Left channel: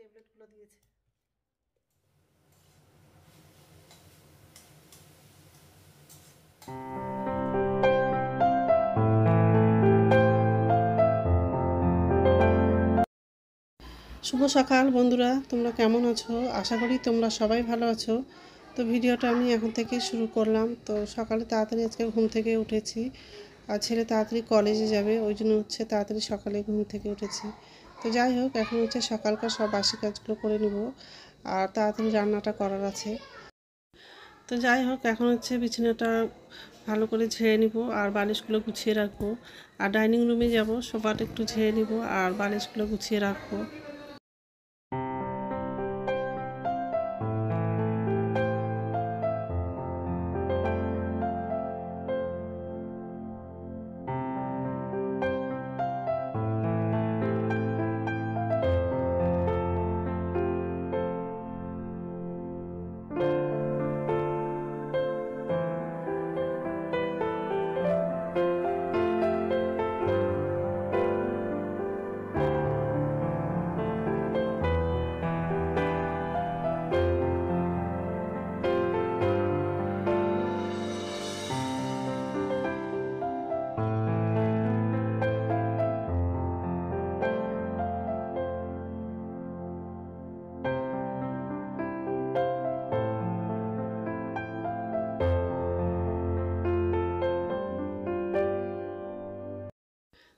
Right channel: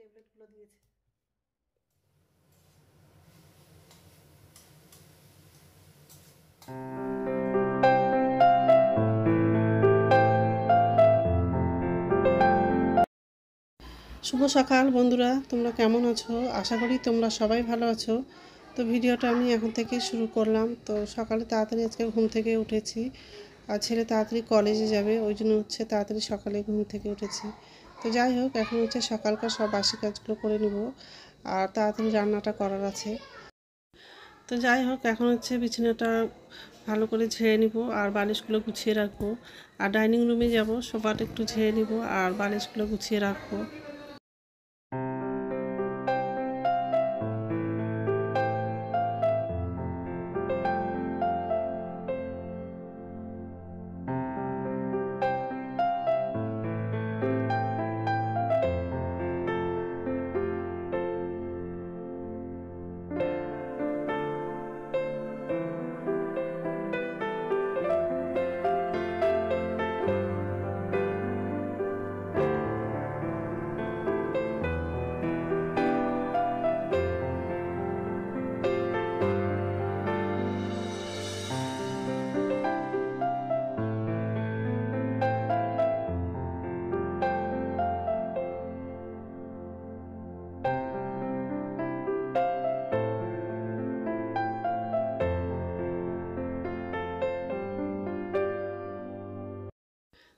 ট্যাবলেটগুলো দিয়েছে। শুভ সকাল বন্ধুরা, তোমরা কেমন আছো? আশা করি তোমরা সবাই ভালো আছো। তো ভিডিওটা আমি এখন থেকে শুরু করলাম। তো সকালে তাড়াতাড়ি আজকে ঘুম থেকে উঠেছি, আর ছেলে তাড়াতাড়ি কলেজে যাবে, ওই জন্য তাড়াতাড়ি সকালে ঘুম থেকে উঠেছি। তো যাই হোক, এখন সকালকার সব বাসি কাজগুলো করে নেব, আর তাড়াতাড়ি রান্নাটা করার আছে। তো যাই হোক, এখন বিছানাটা ভালো করে ঝেড়ে নিব আর বালিশগুলো গুছিয়ে রাখবো। আর ডাইনিং রুমে যাব, সোফাটা একটু ঝেড়ে নিব আর বালিশগুলো গুছিয়ে রাখবো।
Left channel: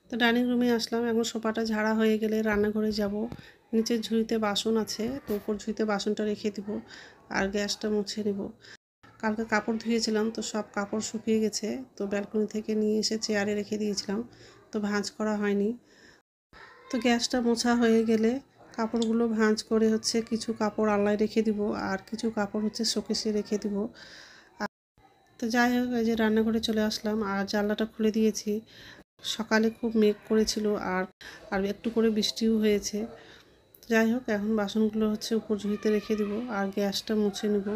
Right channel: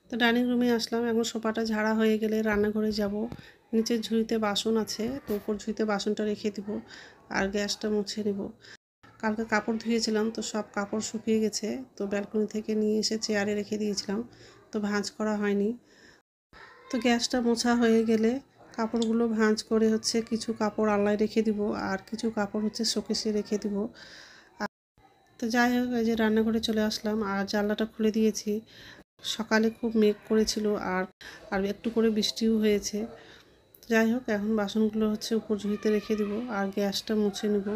তো ডাইনিং রুমে আসলাম। এখন সোফাটা ঝাড়া হয়ে গেলে রান্নাঘরে যাব। নিচের ঝুড়িতে বাসন আছে, তো উপর ঝুড়িতে বাসনটা রেখে দিব আর গ্যাসটা মুছে নেব। কালকে কাপড় ধুয়েছিলাম, তো সব কাপড় শুকিয়ে গেছে। তো ব্যালকনি থেকে নিয়ে এসে চেয়ারে রেখে দিয়েছিলাম, তো ভাঁজ করা হয়নি। তো গ্যাসটা মোছা হয়ে গেলে কাপড়গুলো ভাঁজ করে কিছু কাপড় আলনায় রেখে দিব, আর কিছু কাপড় শোকেসে রেখে দিব। তো যাই হোক, এই যে রান্নাঘরে চলে আসলাম আর জানলাটা খুলে দিয়েছি। সকালে খুব মেঘ করেছিল, আর আর একটু করে বৃষ্টিও হয়েছে। যাই হোক, এখন বাসনগুলো উপর ঝুড়িতে রেখে দিব আর গ্যাসটা মুছে নেব।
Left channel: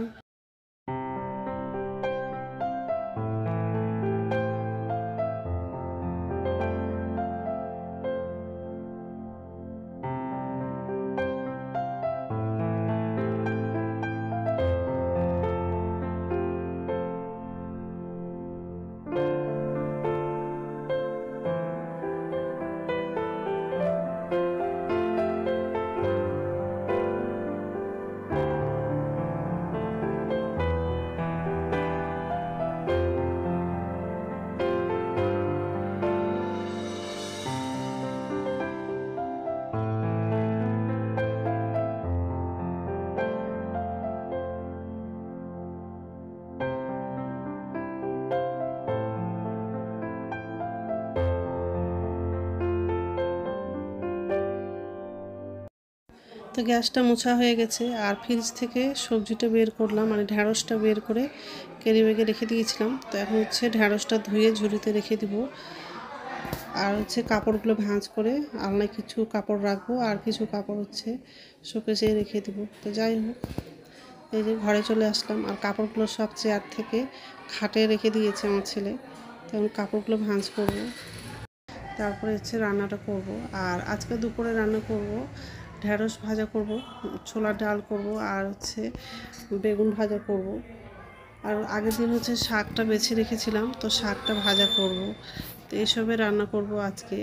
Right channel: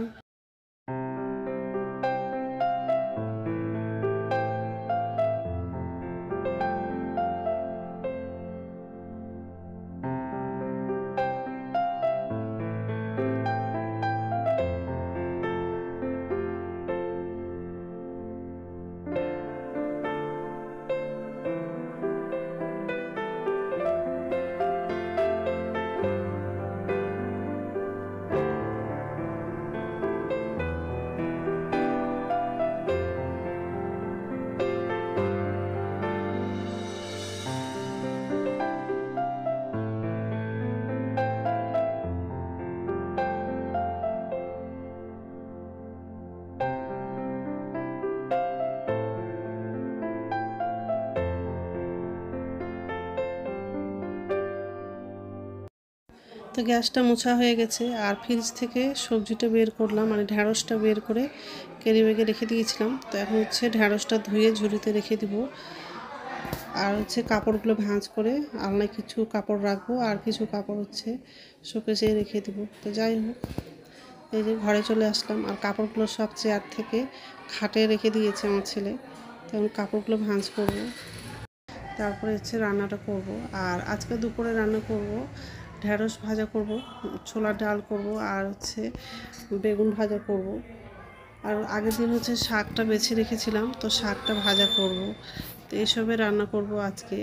তো গ্যাসটা মোছা হয়ে গেছে, আর ফ্রিজ থেকে সবজিটা বের করলাম, মানে ঢ্যাঁড়সটা বের করে কেড়ে বেগে রেখে দিয়েছিলাম। তো এখন ঢ্যাঁড়সটা ধুয়ে ঝুড়িতে রেখে দিব। আর কাপড়গুলো ভাঁজ করে আলনায় কিছু কাপড় রাখবো, আর কিছু কাপড় শোকেসে রেখে দিব। তো যাই হোক, এই যে ঘরে চলে আসলাম, আর কাপড়গুলো সব চেয়ার থেকে খাটে রেখে দিয়েছে আমার ছেলে। তখন কাপড়গুলো ভাঁজ করব, তারপরে রান্নাটা করব। আর আজকে দুপুরে রান্না করব ঢ্যাঁড়স ভাজা করব, ছোলার ডাল করব, আর বেগুন ভাজা করব। আর আগের দিন শাকটা বেছে রেখেছিলাম, তো শাকটা ভাজা করব। তো এসবে রান্না করব আজকে।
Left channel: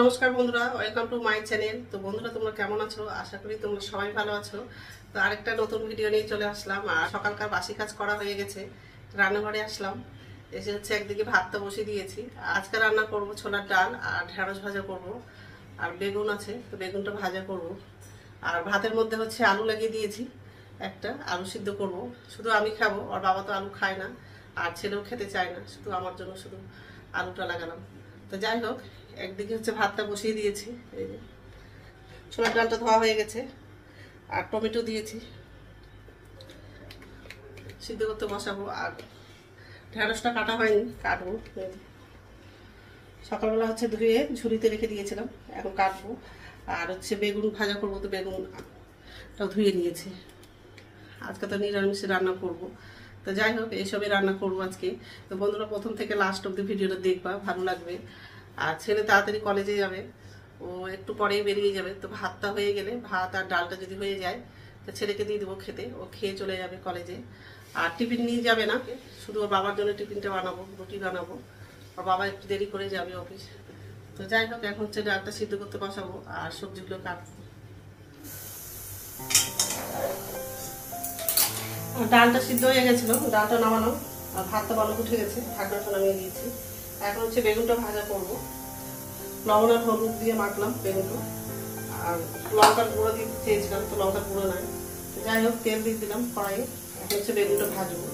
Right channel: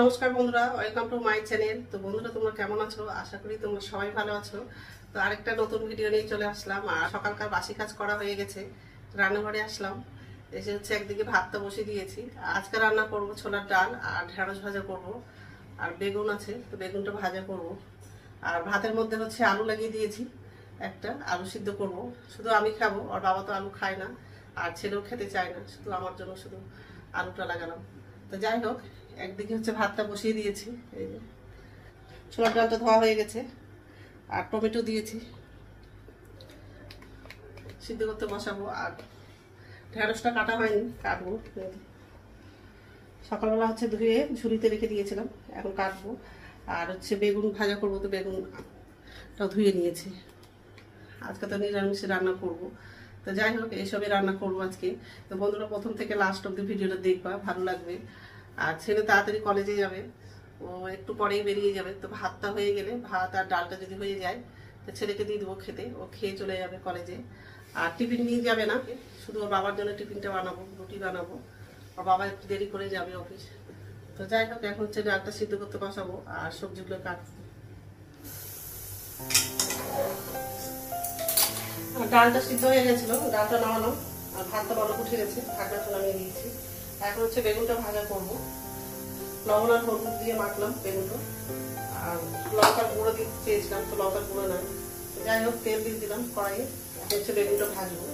নমস্কার বন্ধুরা, ওয়েলকাম টু মাই চ্যানেল। তো বন্ধুরা, তোমরা কেমন আছো? আশা করি তোমরা সবাই ভালো আছো। তো আরেকটা নতুন ভিডিও নিয়ে চলে আসলাম। আর সকালকার বাসি কাজ করা হয়ে গেছে, রান্নাঘরে আসলাম। এসে একদিকে ভাতটা বসিয়ে দিয়েছি। আজকে রান্না করব ছোলার ডাল আর ঢেঁড়স ভাজা করব, আর বেগুন আছে, তো বেগুনটা ভাজা করব। আর ভাতের মধ্যে হচ্ছে আলু লাগিয়ে দিয়েছি, একটা আলু সিদ্ধ করব, শুধু আমি খাবো, আর বাবা তো আলু খায় না আর ছেলেও খেতে চায় না, শুধু আমার জন্য শুধু আলুটা লাগালাম। তো যাই হোক, একদিকে হচ্ছে ভাতটা বসিয়ে দিয়েছি, এই যে ছোলার ডালটা ধোয়া হয়ে গেছে, আর টমেটো দিয়েছি সিদ্ধ করতে বসাবো। আর ঢেঁড়সটা কাটা হয়নি, কাটবো। সকালবেলা হচ্ছে ধুয়ে ঝুড়িতে রেখে দিয়েছিলাম, এখন কাটবো। আর হচ্ছে বেগুন ভাজা করবো, তো বেগুনটাও ধুয়ে নিয়েছি। আজকে তো নিরামিষে রান্না করব। তো যাই হোক, এইসবই রান্না করবো আজকে। তো বন্ধুরা, প্রথম থেকে লাস্ট অব্দি ভিডিওটা দেখবা, ভালো লাগবে। আর ছেলে তাড়াতাড়ি কলেজে যাবে, ও একটু পরেই বেরিয়ে যাবে। তো ভাতটা হয়ে গেলে, ভাত আর ডালটা যদি হয়ে যায়, তো ছেলেকে দিয়ে দেবো খেতে, ও খেয়ে চলে যাবে কলেজে। আর টিফিন নিয়ে যাবে না, শুধু ওর বাবার জন্য টিফিনটা বানাবো, রুটি বানাবো। ওর বাবা একটু দেরি করে যাবে অফিস। তো যাই হোক, এখন হচ্ছে ডালটা সিদ্ধ করতে বসাবো আর সবজিগুলো কাটবো। ডালটা সিদ্ধ হয়ে গেছিল, ডালটা নামানো, আর ভাতটা ভালো উঠে গেছে, ঢাকনাটা নামিয়ে দিয়েছি। এখন হচ্ছে বেগুনটা ভাজা করবো। লবণ আর হলুদ দিয়ে মাখলাম বেগুনটা, আর লঙ্কার গুঁড়ো দিতে চেয়েছিলাম, তো লঙ্কার গুঁড়ো নাই। যাই হোক, তেল দিয়ে দিলাম কড়াইয়ে। এখন হচ্ছে বেগুনটা ভাজবো।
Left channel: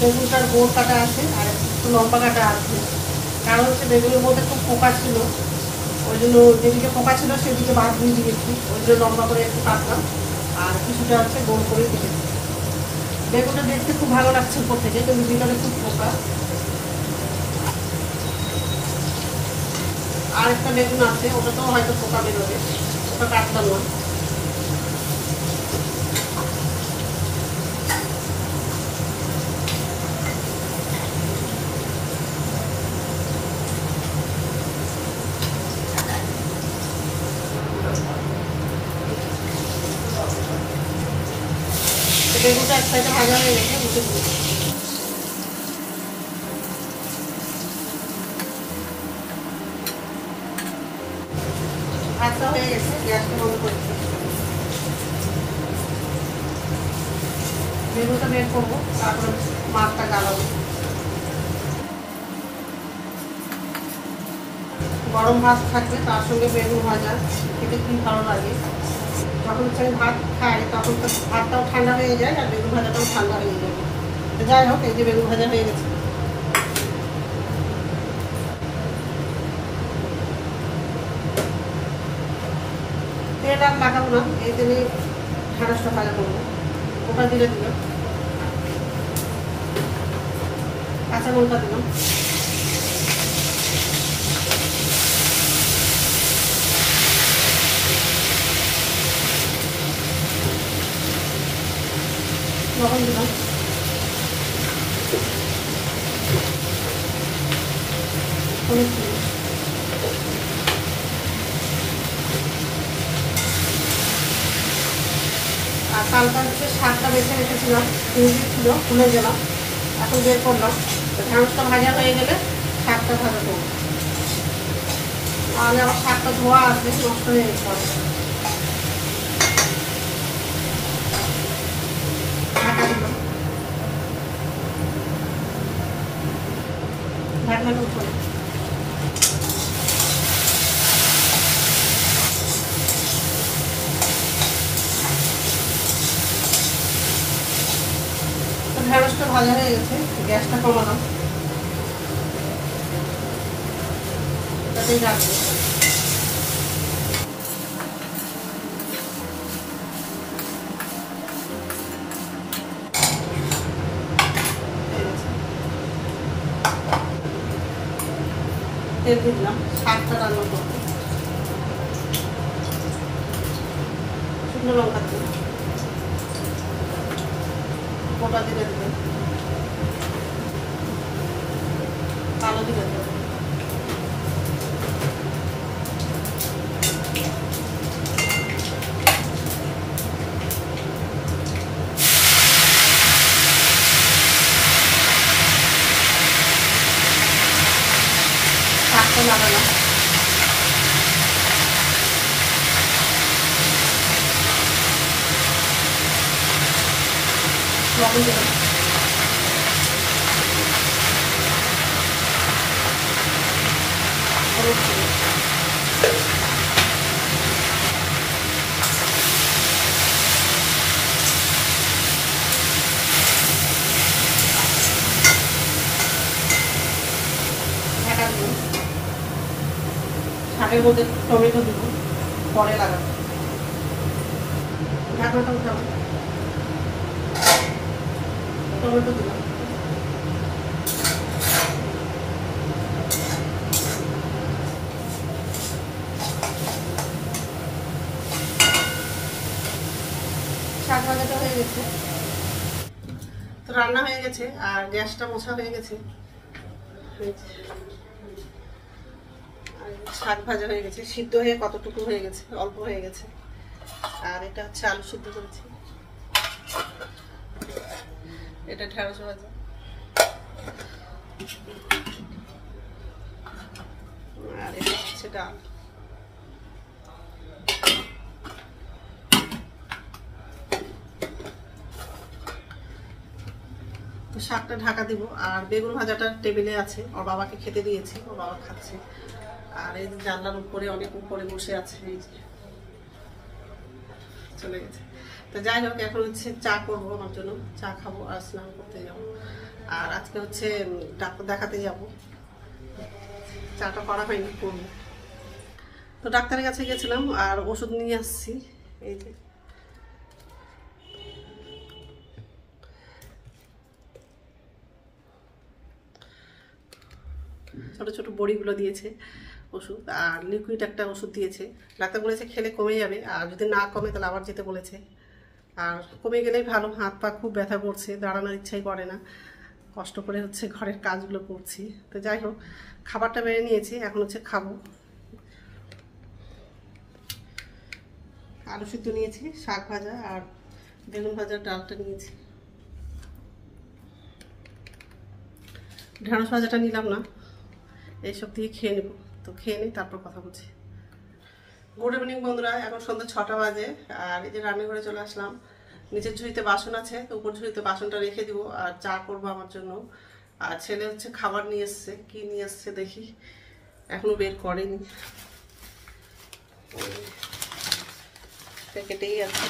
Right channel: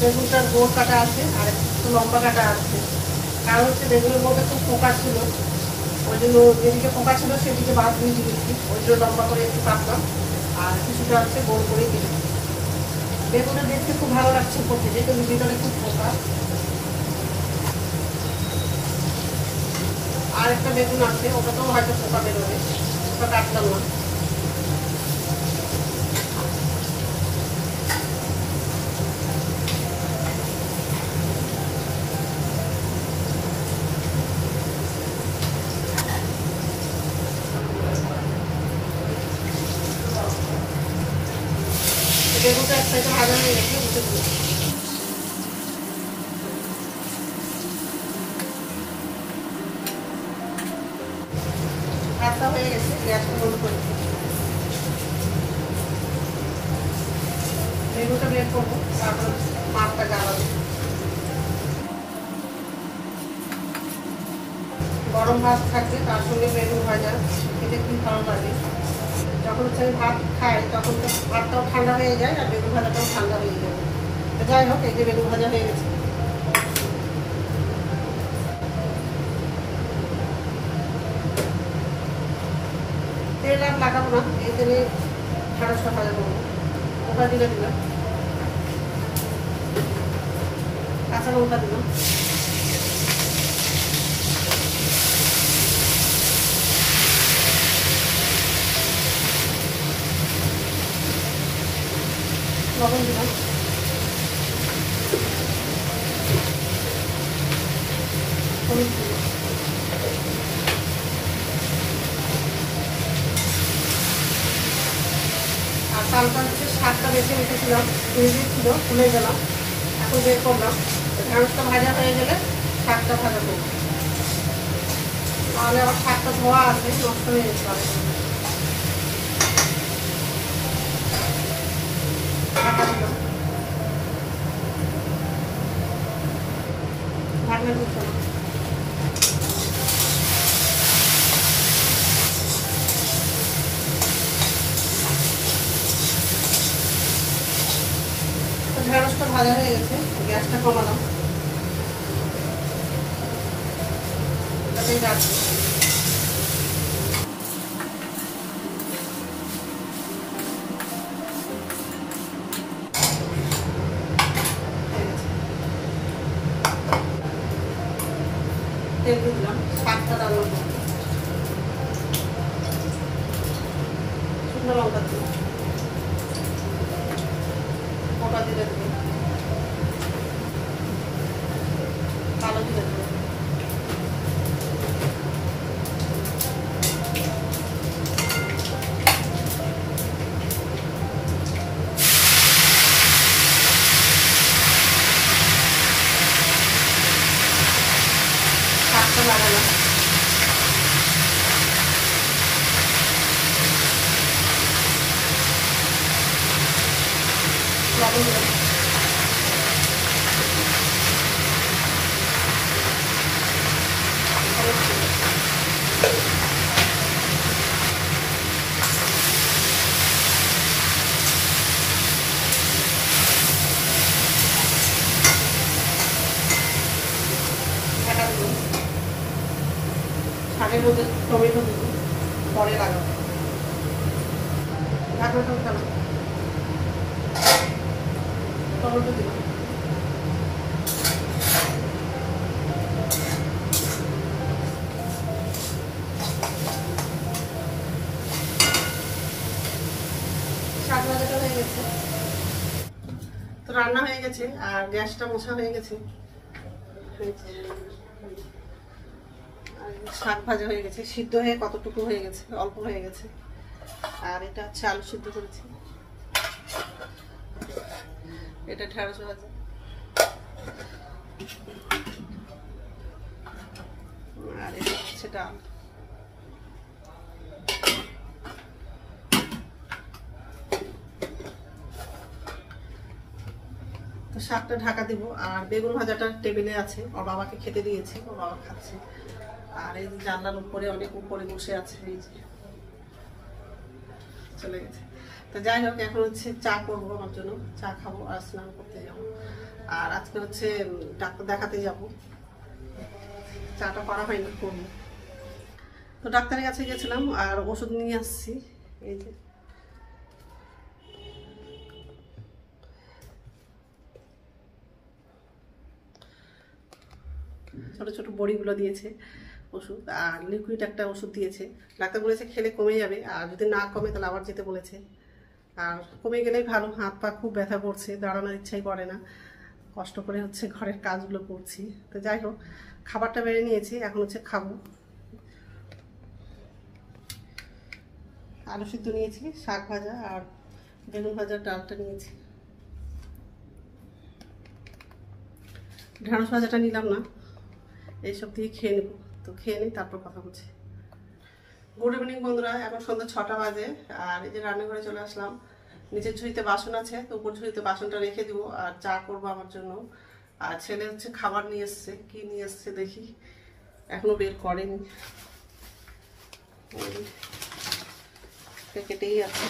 বেগুনটার গোড় কাটা আছে আর একটু লম্বা কাটা আছে, কারণ হচ্ছে বেগুনের মধ্যে খুব পোকা ছিল, ওই জন্য যেদিকে পোকা ছিল সেদিকে বাদ দিয়ে দিয়েছি, ওই জন্য লম্বা করে একটু কাটলাম। আর কিছুটা আছে গোল করে দিয়েছি। বেগুনটা দেখতে খুব ভালো লাগছে উপর থেকে, কিন্তু ভিতরে খুব পোকা। আর একটা বেগুন আছে, ওটাতেও হয়তো পোকা বেরোবে, ওটা কাটলাম না। বেগুনটা এক সাইডে ভাজা হয়ে গেছে, উঠে দিই। ভাতটা হয়ে গেছে, গ্যাসটা বন্ধ করে বেগুনটা বের করবো, তারপর মাছটা গাড়াবো। গরম ভাত থাকলে তার সঙ্গে বেগুন ভাজা খেতে খুব ভালো লাগে। যখন হচ্ছে আমি ভাত খাই, তখন তো ভাতটাও ঠান্ডা হয়ে যায় আর বেগুন ভাজাটাও ঠান্ডা হয়ে যায়। যাই হোক, এই যে বেগুন ভাজা হয়ে গেছে। তেল আর লাগাবো না, এই তেলে ঢেঁড়সটা ভাজা করবো। ওটা দিলে দিলাম, কাঁচা লঙ্কা দিলাম, লবণ দিলাম, হলুদ দিলাম। আর তারপর হচ্ছে শাকটা বেছে রেখেছিলাম, ছিল খুলে গেলাম, এখন বের করলাম। ঢেঁড়সটা ভাজা হয়ে গেলে শাকটা ভাজা করবো, তাহলে আমার শাকটা ধোয়া আছে, নষ্ট হয়ে যেতে হবে। ঢাকা দিলাম, ঢাকনা তুললাম। ঢেঁড়সটা ভাজা হয়ে গেছে, গ্যাসটা কমালাম, রাখবো। তেল দিলাম, শাকটা রান্না করবো, শুকনো লঙ্কা দিলাম, গোটা দিলে দেবেন, কালো দিলে দেবেন, শাকটা লাগালাম। লবণ দেব। শাকের মধ্যে টমেটো দেব, পরে লাগাবো। টমেটো দিলাম, টমেটো দিলাম, শাক ভাজাটা হয়ে গেছে। তো রান্না হয়ে গেছে আর গ্যাসটা মোছা হয়ে গেছে, শাক ভাজা হয়ে গেছে, সিদ্ধ হয়ে কতটুকু হয়ে গেছে, অল্প হয়ে গেছে। আর এটা হচ্ছে আলু সিদ্ধ করেছি, এটা ঢেঁড়স ভাজা, আর এটা হচ্ছে ডাল। তো শাকটা ঢাকা দিব। আর বেগুন ভাজাটা টেবিলে আছে, ওর বাবাকে খেতে দিয়েছি, ওর বাবা খাচ্ছে। আর এই জানলার উপরে অনেক উপরে বসে আছে, এই যে চলে গেছে। তো যাই হোক, এখন হচ্ছে চা করবো আমার জন্য, চা খাবো আর স্নান করতে যাব। আর আজকে হচ্ছে ডাক্তার দেখাতে যাব, চাটা করা হয়নি, করবো। তো ডাক্তারের কাছে গেছিলাম আর ওষুধ নিয়ে আসছি, এই যে ছোট ছোট বড়িগুলো দিয়েছে ওষুধ, আর লিকুইড একটা ওষুধ দিয়েছে। ডাক্তার বলেছে খেলে কমে যাবে, আর যদি না কমে তাহলে আবার যেতে বলেছে। আর কমে গেলেই ভালো, হাত পা খুব ব্যথা করছে, দাঁড়ানোর ইচ্ছাই করে না, কষ্ট করে হচ্ছে ঘরের কাজগুলো করছি। তো যাই হোক, খাবারটা বেড়ে নিয়েছি, এখন হচ্ছে খাবো। আলু সিদ্ধ নিয়েছি, শাক ভাজা আর বেগুন ভাজার ডালটা নিয়েছি। ঢেঁড়স ভাজাটা নিলাম না, এইসব দিয়ে খেয়ে নেব। তো খেয়ে নিই, তারপর কথা বলছি। গুড ইভিনিং বন্ধুরা, এখন সন্ধ্যা 6টা বাজে। আর এই যে রান্নাঘরে চলে আসলাম। নিচের ঝুড়িতে বাসন আছে, তো উপর ঝুড়িতে বাসনটা রেখে দিব আর চা করবো আমার জন্য। আর ছেলে হচ্ছে খাবার নিয়ে এসছে, কি নিয়ে এসছে দেখি, এখনো বের করেনি, প্যাকেটেই আছে।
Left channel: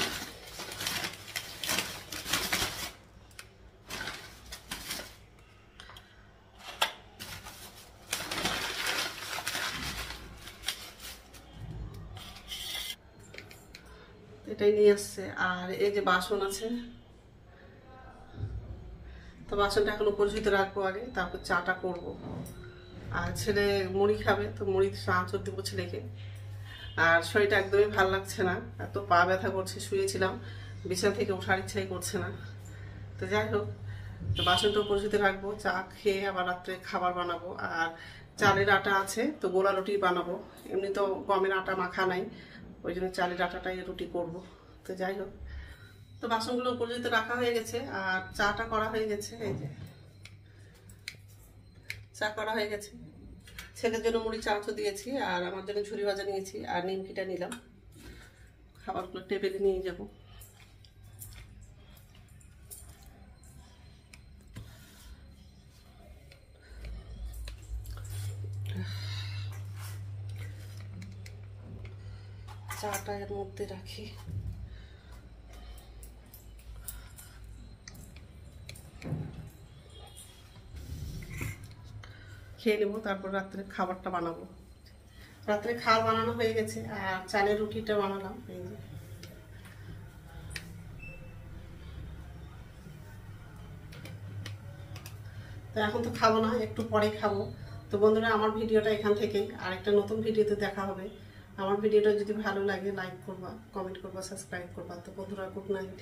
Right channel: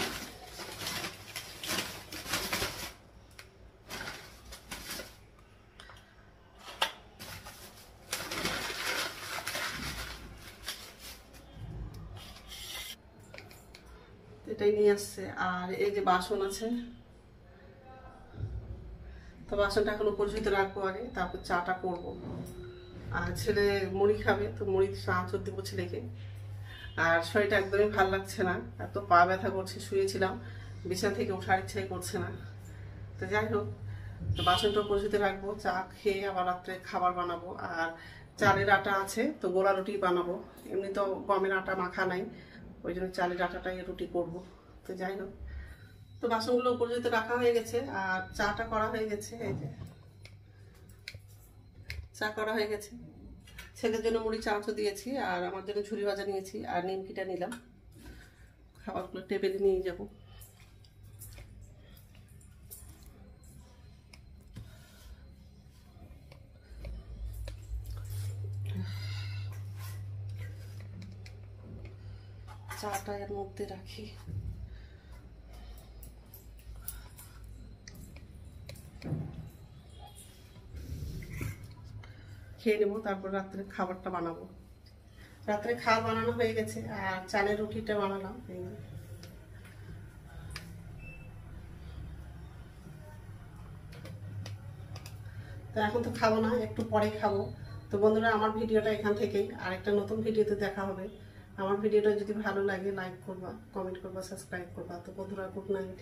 এটাই নিয়ে আসছে। আর এই যে বাসন আছে, তো বাসনটা এখন উপর ঝুড়িতে রাখবো আগে, তারপর চাটা করব। আর ছেলে মুড়ি খাবে, তো মুড়ি চানাচুর দিব ছেলেকে। আর শরীরটা একদমই ভালো লাগছে না, এত পা ব্যথা করছে, শুয়েছিলাম, বিছানা থেকে ওঠার ইচ্ছাই করছে না। তো যাই হোক, তো বাসনটা উপর ঝুড়িতে রাখবো, চা খেয়ে আবার রাত্রে খাবার বানাবো। আর চালের আটা আছে, তো গোলা রুটি বানাবো। এমনি তো গমের আটা মাখা নাই, ওই জন্য চালের আটাটাই রুটি করব। তো যাই হোক, তো বাসনগুলো উপর ঝুড়িতে রাখা হয়ে গেছে আর চাটা করা হয়ে গেছে। এই যে চা করা হয়ে গেছে, ছেলের জন্য মুড়ি চানাচুর দিয়েছি, আর আমার জন্য ঝুরি ভাজা নিয়েছি, আর নিমকিটা নিলাম। খাবারগুলো টেবিলে নিয়ে যাব। চাটা এর মধ্যে রাখি। খেয়ে নেবো, তারপর রাত্রে খাবারটা বানাবো। রাত্রে খাবার বানানো হয়ে গেছে, আর চালের রুটিটা বানালাম। এই যে তো এখন তো খাবো না, একটু পরে খাবো। তো বন্ধুরা, আমার ভিডিওটা এখান থেকেই, আর একটা নতুন ভিডিওতে দেখা হবে। আমার ভিডিওটা যদি ভালো লাগে লাইক করবা, কমেন্ট করবা, সাবস্ক্রাইব করবা। তো বন্ধুরা, গুড নাইট।